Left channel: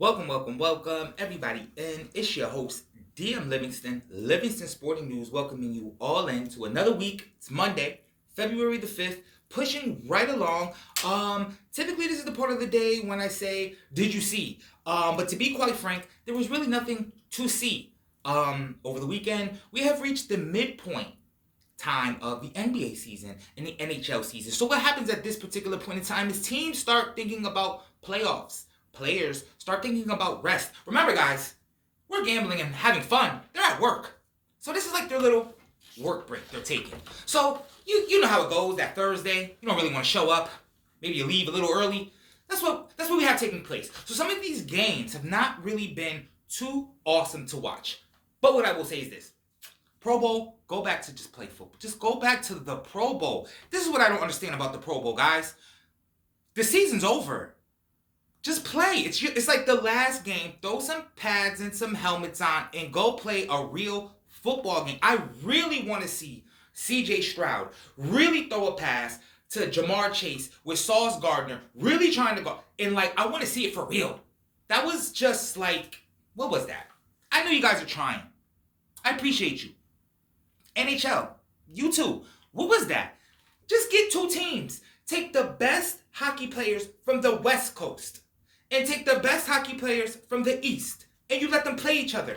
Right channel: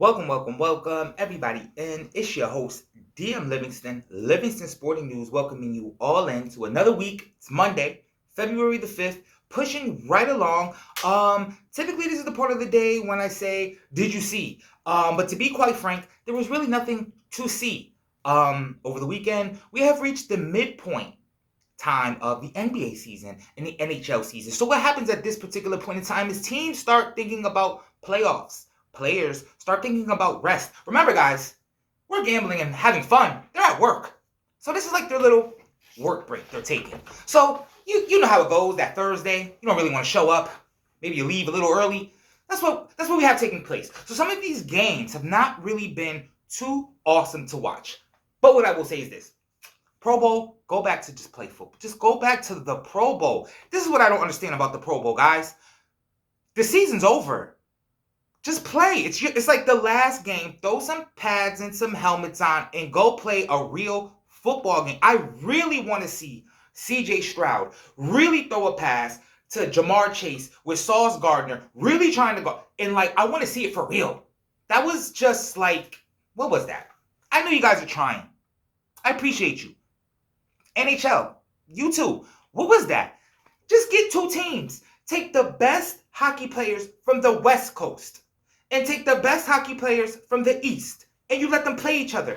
Welcome, everybody. And it's your host, DM Livingston Sporting News, welcoming you all in to another week. It's Monday, February the 5th, pushing right along. Typically, this is the part of the day when I say, did you see? But to be quite frank, there was really nothing to see. Over the weekend, we have reached the midpoint time of the NBA season and the NHL season. So what happens at this particular point in time is teams start thinking about playoffs. Players start thinking about rest. Remember, guys, we're gambling and having fun. They're at work. So this is like their little work break they're taking. So you know how it goes that Thursday. You don't really want to show up. Maybe you leave a little early. That's what we have taking place. So some of these games have not really been too awesome to watch. But what I will say is this. Pro Bowl, go back to just play football. Just go back to the Pro Bowl. This is what I don't understand about the Pro Bowl, guys. The season's over. Just play. It's like the last game. Throw some pads and some helmets on and go play a real football game. I really want to see CJ Stroud really throw a pass to Jamar Chase with Sauce Gardner really trying to go. And I want to see it for real. That was just what was that? I know you guys are trying. I appreciate you. NHL, you too. What was that? Just get two teams. Take the best hockey players from the West Coast and take the best hockey players from the East, and you let them play each other.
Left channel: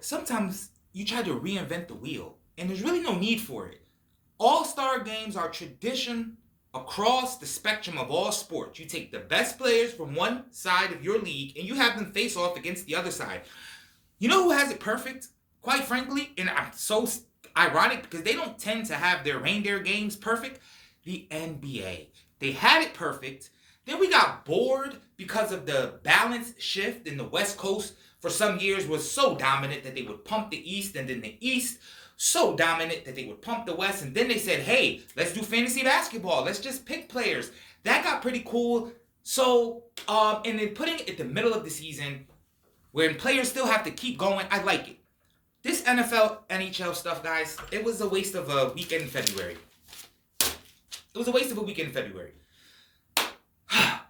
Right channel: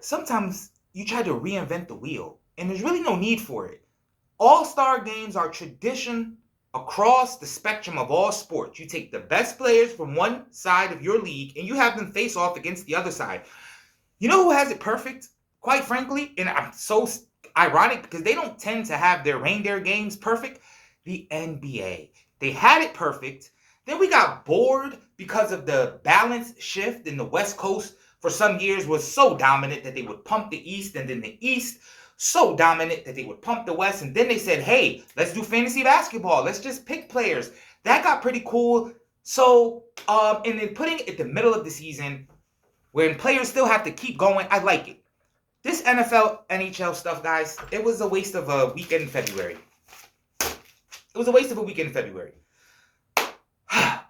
Sometimes you try to reinvent the wheel, and there's really no need for it. All-star games are tradition across the spectrum of all sports. You take the best players from one side of your league, and you have them face off against the other side. You know who has it perfect? Quite frankly, and I'm so ironic because they don't tend to have their reindeer games perfect. The NBA. They had it perfect. Then we got bored because of the balance shift in the West Coast for some years was so dominant that they would pump the East, and then the East so dominant that they would pump the West, and then they said, hey, let's do fantasy basketball. Let's just pick players. That got pretty cool. So, and then putting it at the middle of the season when players still have to keep going, I like it. This NFL, NHL stuff, guys, it was a waste of a weekend in February.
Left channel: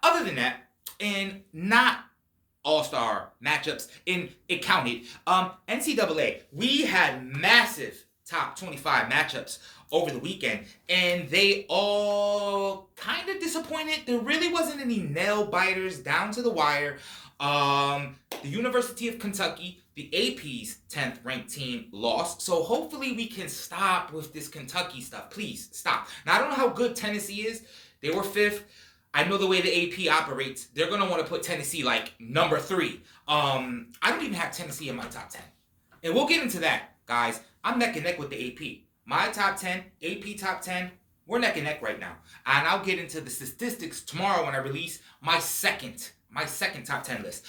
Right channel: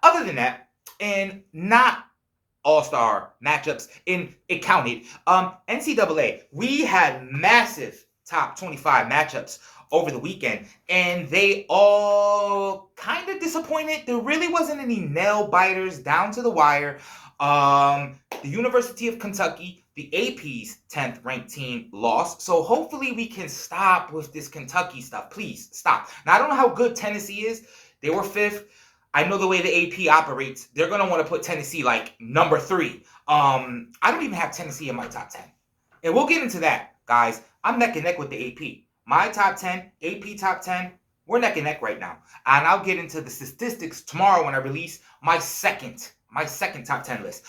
Other than that, and not all-star matchups, and it counted, NCAA, we had massive top 25 matchups over the weekend, and they all kind of disappointed. There really wasn't any nail-biters down to the wire. The University of Kentucky, the AP's 10th ranked team, lost. So hopefully we can stop with this Kentucky stuff. Please, stop. Now, I don't know how good Tennessee is. They were 5th. I know the way the AP operates. They're going to want to put Tennessee number 3. I don't even have Tennessee in my top 10. And we'll get into that, guys. I'm neck and neck with the AP. My top 10, AP top 10, we're neck and neck right now. And I'll get into the statistics tomorrow when I release my second top 10 list.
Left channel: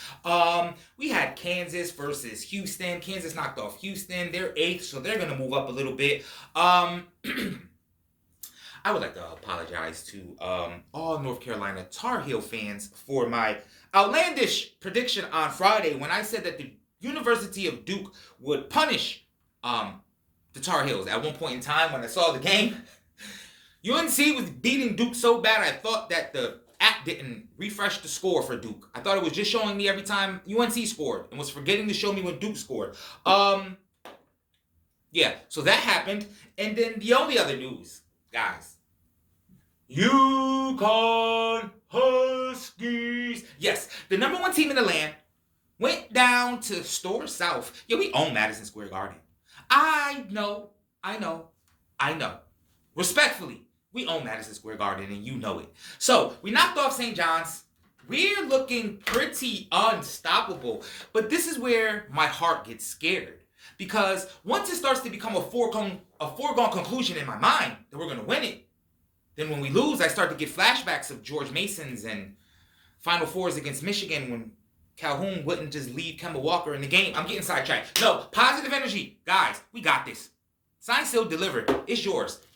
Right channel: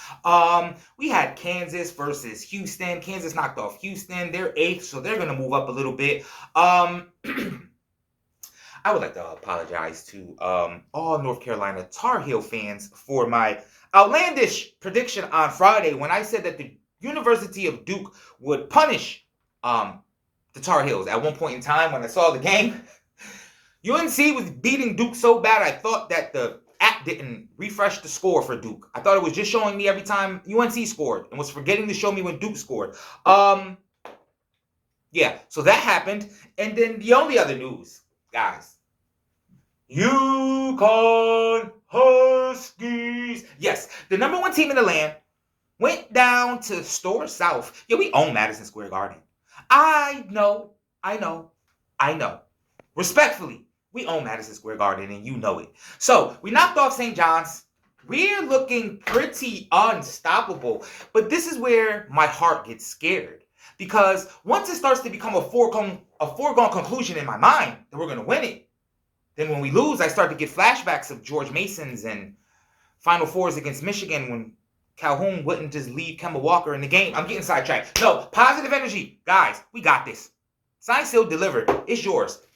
We had Kansas versus Houston. Kansas knocked off Houston. They're 8th, so they're going to move up a little bit. I would like to apologize to all North Carolina Tar Heel fans for my outlandish prediction on Friday when I said that the University of Duke would punish the Tar Heels. At one point in time when I saw the game, UNC was beating Duke so bad I thought that the app didn't refresh the score for Duke. I thought it was just showing me every time UNC scored and was forgetting to show me when Duke scored. Yeah, so that happened. And then the only other news, guys, UConn Huskies. Yes, the number 1 team in the land went down to Store South. Yeah, we own Madison Square Garden. I know. Respectfully, we own Madison Square Garden, and you know it. So, we knocked off St. John's. We're looking pretty unstoppable. But this is where my heart gets scared. Because once it starts to become a foregone conclusion in my mind that we're going to win it, then when we lose, I start to get flashbacks of George Mason's and Final Fours against Michigan when Calhoun wouldn't just leave Kemba Walker in the game. I'm getting sidetracked. No, positive energy. Guys, we got this. Sign still delivered. It's yours.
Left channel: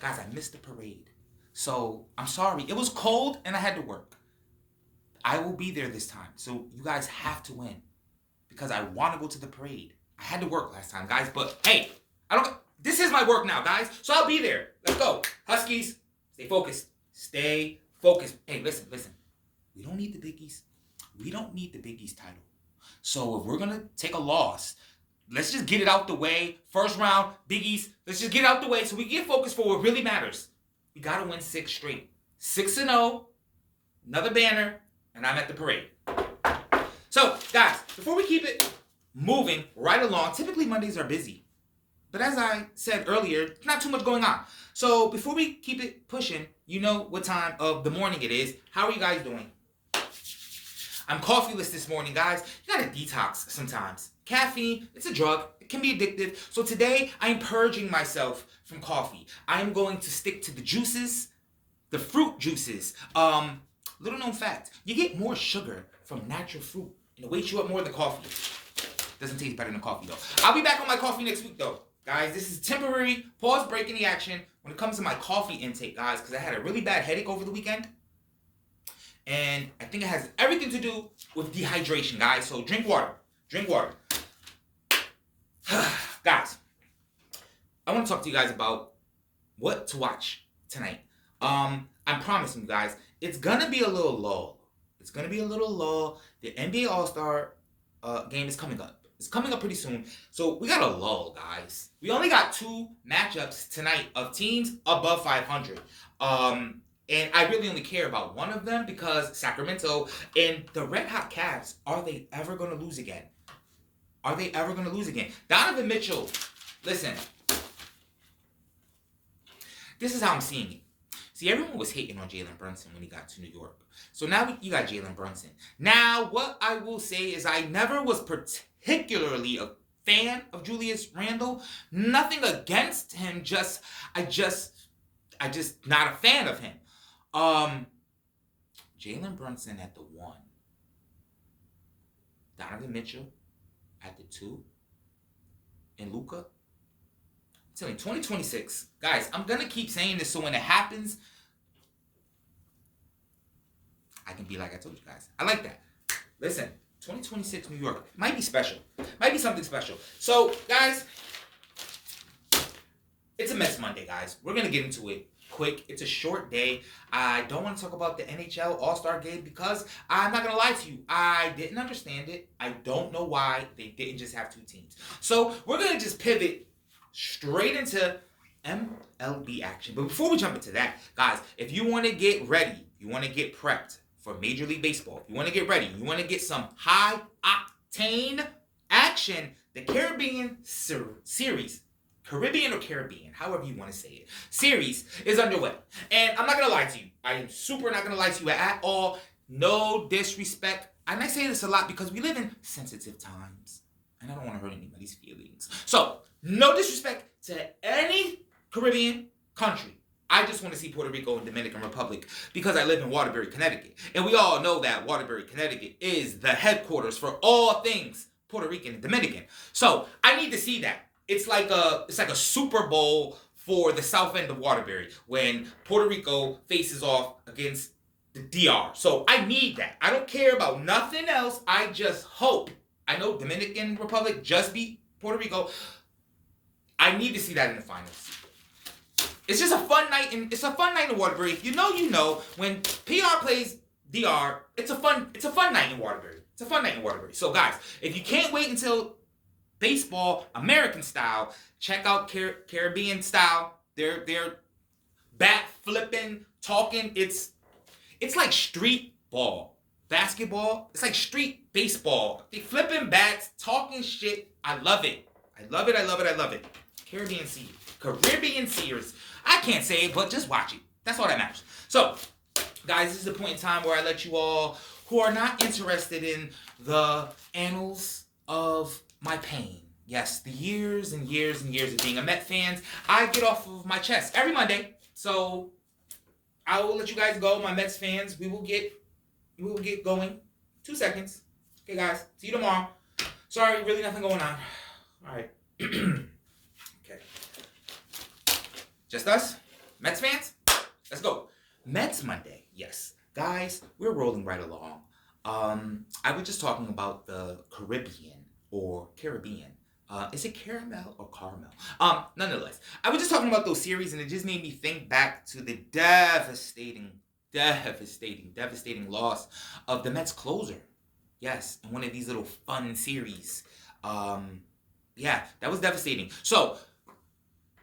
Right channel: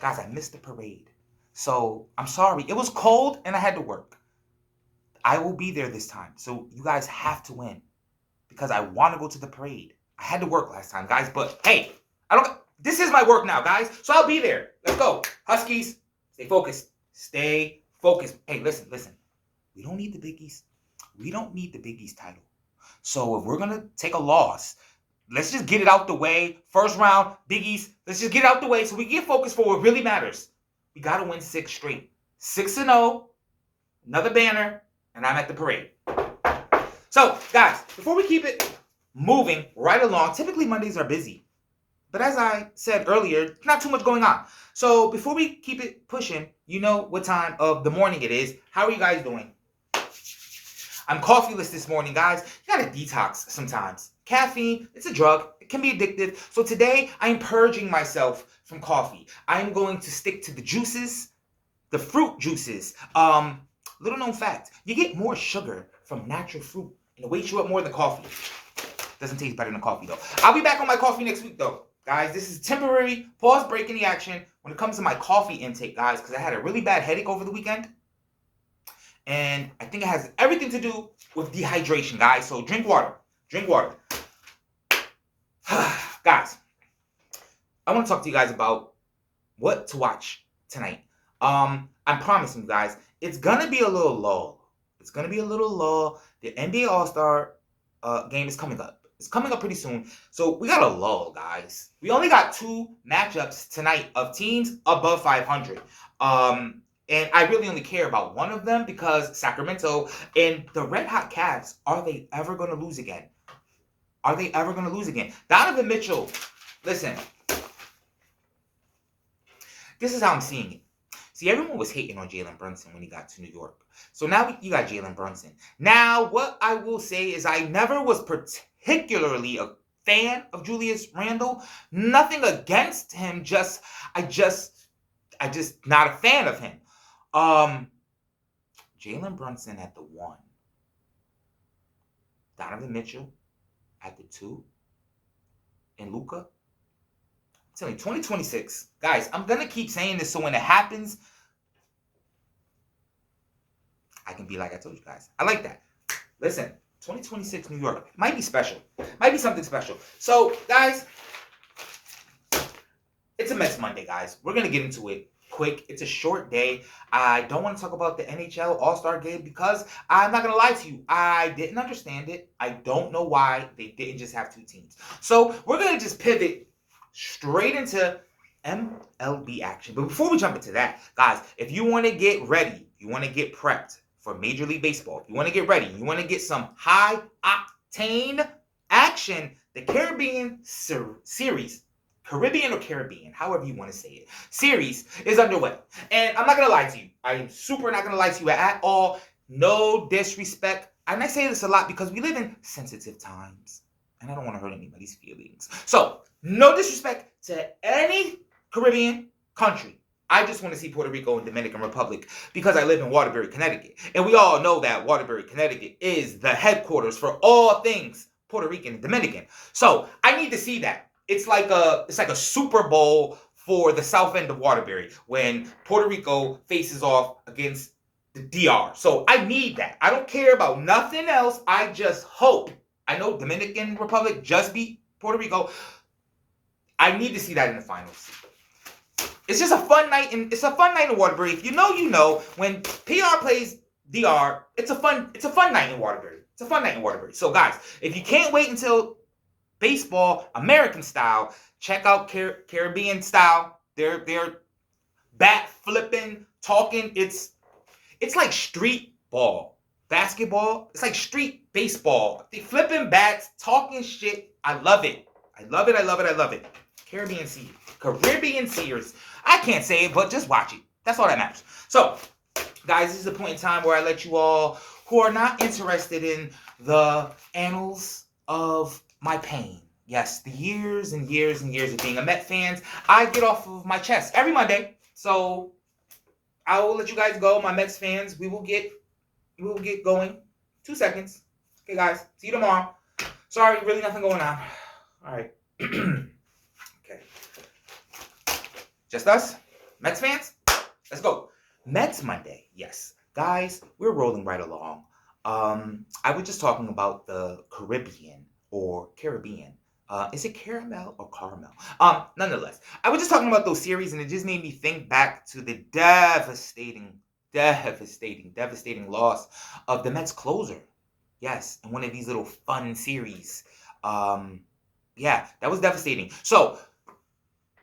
Guys, I missed the parade. So, I'm sorry. It was cold and I had to work. I will be there this time. So, you guys have to win. Because I want to go to the parade. I had to work last time, guys. But, hey, this is my work now, guys. So, I'll be there. Let's go. Huskies, stay focused. Stay focused. Hey, listen. We don't need the Big East. We don't need the Big East title. So if we're going to take a loss, let's just get it out the way. First round, Big East. Let's just get it out the way so we can get focused for what really matters. We got to win 6 straight. 6-0, another banner, and I'm at the parade. So, guys, before we keep it moving right along, typically Mondays are busy. But as I said earlier, not too much going on. So before we keep it pushing, you know what time of the morning it is. How are you guys doing? I'm coffeeless this morning, guys. You gotta detox sometimes. Caffeine, it's a drug. It can be addictive. So today, I'm purging myself from coffee. I am going to stick to the juices, the fruit juices. Little known fact, you get more sugar from natural fruit, and it wakes you up more than coffee. Doesn't taste better than coffee, though. I'll be back on my coffee next week, though. Guys, this is a temporary pause break in the action when it comes to my coffee intake, guys, because I had a really bad headache over the weekend. And I think it has everything to do with dehydration, guys. So drink water. Drink water. Guys, I want to talk to you guys about what to watch tonight. I'm promising you guys, it's going to be a little lull. It's going to be a little lull. The NBA All-Star game is coming up. It's coming up pretty soon. So we got a lull, guys. We only got 2 matchups tonight of teams above 500. And I really only care about one of them because Sacramento and the Red Hot Cavs, are they ever going to lose again? Are they ever going to lose again? Donovan Mitchell, listen. This is how I'm seeing it. See, everyone was hating on Jalen Brunson when he got to New York. So now you got Jalen Brunson. Now, what I will say is I never was particularly a fan of Julius Randle. Nothing against him, I just not a fan of him. Jalen Brunson at the 1. Donovan Mitchell at the 2. And Luka. I'm telling you, 2026. Guys, I'm going to keep saying this so when it happens, I can be like I told you guys. I like that. Listen, 2026 New York might be special. Might be something special. So, guys, it's a Mets Monday, guys. We're going to get into it quick. It's a short day. I don't want to talk about the NHL All-Star game because I'm not going to lie to you. I didn't understand it. I don't know why they didn't just have 2 teams. So we're going to just pivot straight into MLB action. But before we jump into that, guys, if you want to get ready, you want to get prepped for Major League Baseball, if you want to get ready, you want to get some high-octane action, the Caribbean Series, Caribbean or Caribbean, however you want to say it, series is underway. And I'm not going to lie to you. I am super not going to lie to you at all. No disrespect. And I say this a lot because we live in sensitive times. And I don't want to hurt anybody's feelings. So, no disrespect to any Caribbean country. I just want to see Puerto Rico and Dominican Republic because I live in Waterbury, Connecticut. And we all know that Waterbury, Connecticut is the headquarters for all things Puerto Rican and Dominican. So, I need to see that. It's like a Super Bowl for the south end of Waterbury when Puerto Rico faces off against the DR. So I need that. I don't care about nothing else. I just hope. I know Dominican Republic just beat Puerto Rico. I need to see that in the finals. It's just a fun night, and it's a fun night in Waterbury. If you know, you know. When PR plays DR, it's a fun night in Waterbury. It's a fun night in Waterbury. So guys, if you can't wait until baseball, American style, check out Caribbean style. They're bat flipping, talking. It's like street ball. Basketball, it's like street baseball. They flipping bats, talking shit. I love it. I love it. Caribbean Series. I can't say it, but just watch it. That's all that matters. So, guys, this is a point in time where I let you all who are not interested in the annals of my pain. Yes, the years and years and years of being a Met fan, I get off of my chest every Monday. So I will let you guys go, my Mets fans. We will get going. 2 seconds. Okay, guys. See you tomorrow. Sorry, really nothing going on. All right. Okay. Just us? Mets fans? Let's go. Mets Monday. Yes. Guys, we're rolling right along. I was just talking about the Caribbean or Caribbean. Is it caramel or caramel? Nonetheless, I was just talking about those series, and it just made me think back to the devastating devastating loss of the Mets closer. Yes, in one of these little fun series. Yeah, that was devastating. So,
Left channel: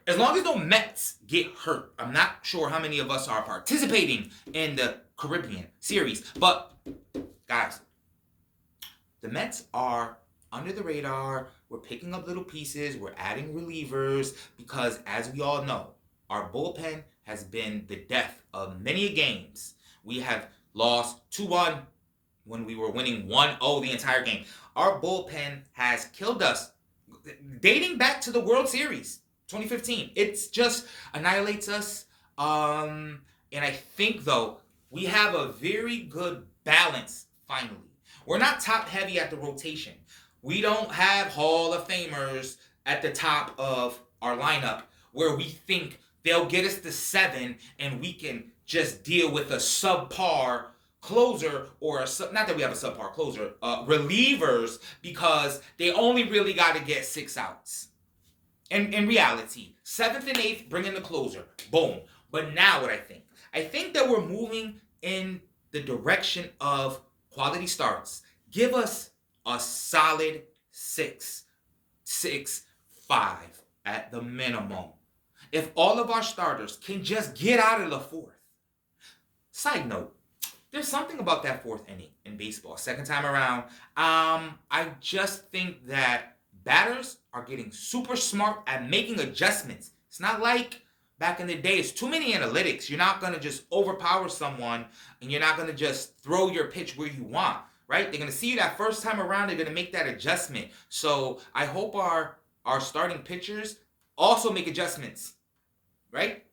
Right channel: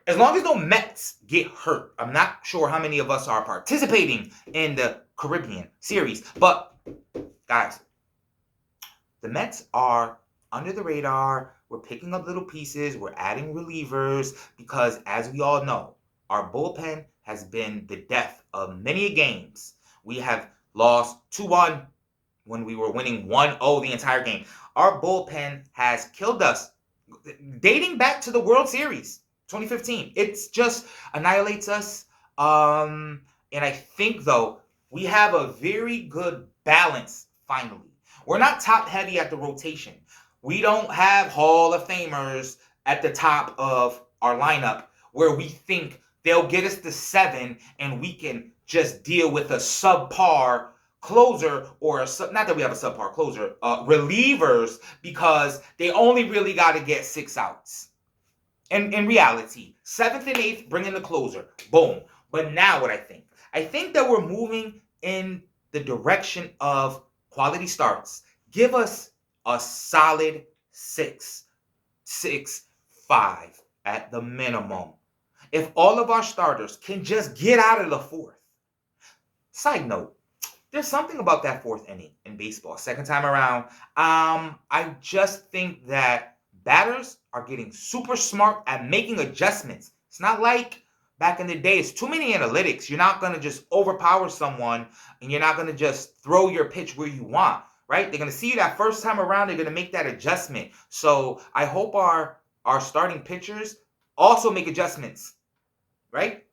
as long as no Mets get hurt, I'm not sure how many of us are participating in the Caribbean series. But, guys, the Mets are under the radar. We're picking up little pieces. We're adding relievers because, as we all know, our bullpen has been the death of many games. We have lost 2-1 when we were winning 1-0 the entire game. Our bullpen has killed us dating back to the World Series 2015. It just annihilates us. And I think, though, we have a very good balance finally. We're not top heavy at the rotation. We don't have Hall of Famers at the top of our lineup where we think they'll get us to 7 and we can just deal with a subpar closer or not that we have a subpar closer, relievers, because they only really got to get 6 outs. And in reality, 7th and 8th, bring in the closer. Boom. But now what I think that we're moving in the direction of quality starts. Give us a solid 6, 5 at the minimum. If all of our starters can just get out of the 4th. Side note, there's something about that 4th inning in baseball, second time around. I just think that batters are getting super smart at making adjustments. It's not like back in the day. It's too many analytics. You're not going to just overpower someone, and you're not going to just throw your pitch where you want, right? They're going to see you that first time around. They're going to make that adjustment. So I hope our starting pitchers also make adjustments, right?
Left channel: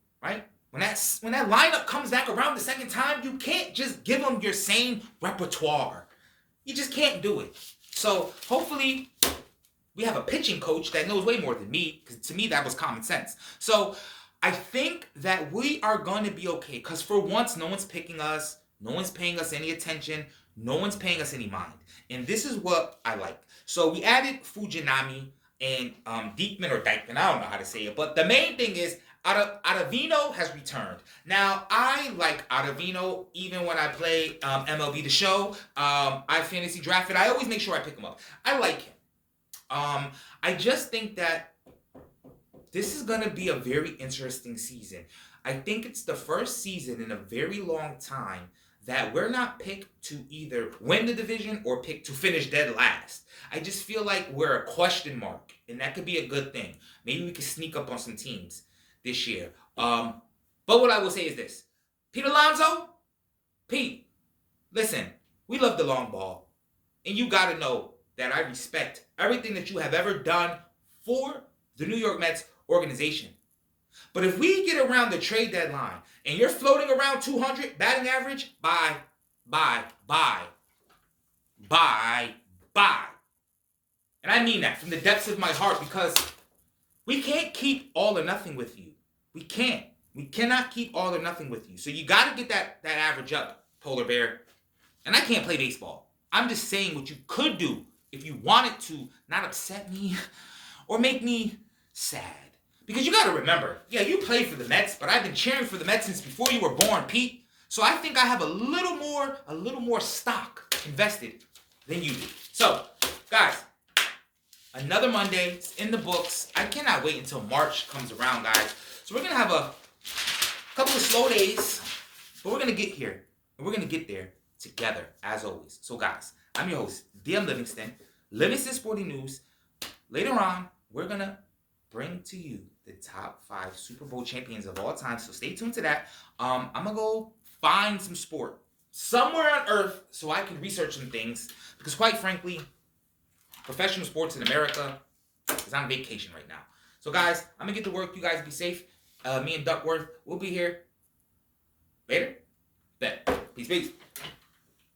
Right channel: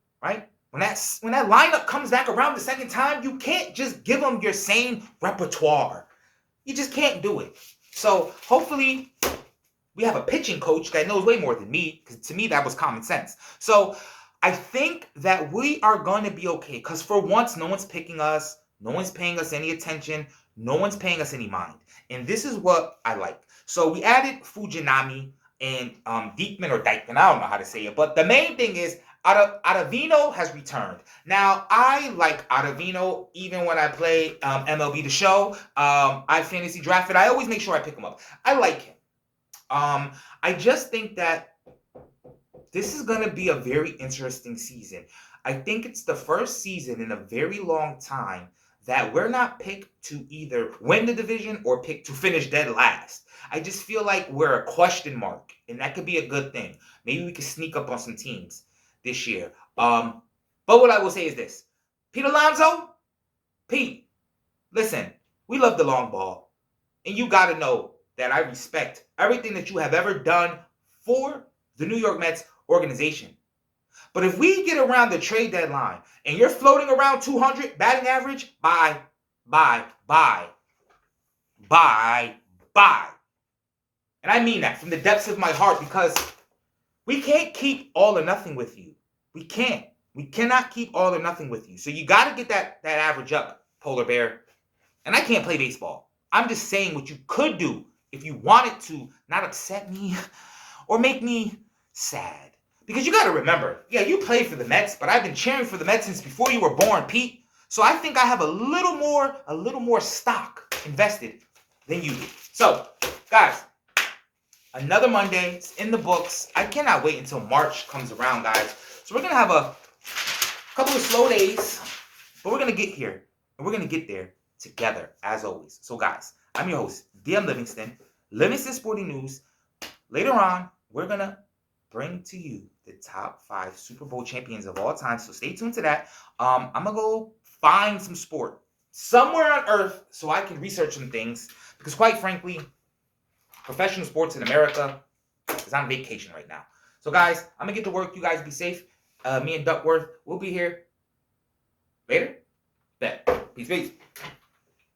When that lineup comes back around the second time, you can't just give them your same repertoire. You just can't do it. So hopefully we have a pitching coach that knows way more than me, because to me that was common sense. So I think that we are going to be okay, because for once no one's picking us, no one's paying us any attention, no one's paying us any mind. And this is what I like. So we added Fujinami and Diekman or Dykman, I don't know how to say it, but the main thing is Ottavino has returned. Now, I like Ottavino even when I play MLB The Show. I fantasy drafted. I always make sure I pick him up. I like him. I just think that this is going to be a very interesting season. I think it's the first season in a very long time that we're not picked to either win the division or picked to finish dead last. I just feel like we're a question mark, and that could be a good thing. Maybe we could sneak up on some teams this year. But what I will say is this. Pete Alonso, Pete, listen, we love the long ball. And you got to know that I respect everything that you have ever done for the New York Mets organization. But if we get around the trade deadline and you're floating around 200 batting average, bye. And I mean that from the depths of my heart, because we can't keep all or nothing with you. We can't. We cannot keep all or nothing with you. So you got to get that average up, Polar Bear. And I can't play baseball. I'm just saying what you could do if you wanted to not upset me or make me sad. Because you got to remember, yeah, you played for the Mets, but I've been cheering for the Mets since before you were born, Pete. So I think I have a little more stock invested than you do. So, guys, another Monday. It's in the books. I cannot wait until March comes around, guys. So we're going to have a couple of slow days, but we're going to get here. And we're going to get there together, as always. So, guys, I'm your host, DM Livingston Sporting News. Later on, we're going to bring to you the top 5 Super Bowl champions of all time. So stay tuned to that. I'm going to go find some sport somewhere on earth so I can research some things. Because quite frankly, professional sports in America is on vacation right now. So guys, I'm going to get to work. You guys be safe. Me and Duckworth, we'll be here later. Bet. Peace.